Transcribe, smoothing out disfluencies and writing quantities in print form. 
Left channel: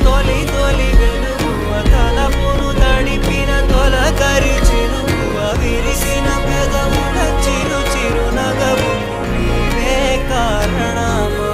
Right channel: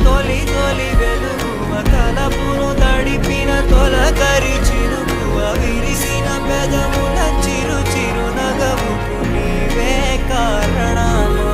తొలి తొలి వెలుగువ తలపును తడిపిన తొలకరి చినుకువ విరిసిన పెదముల చిరు చిరు నగవుకు నీవే కారణమా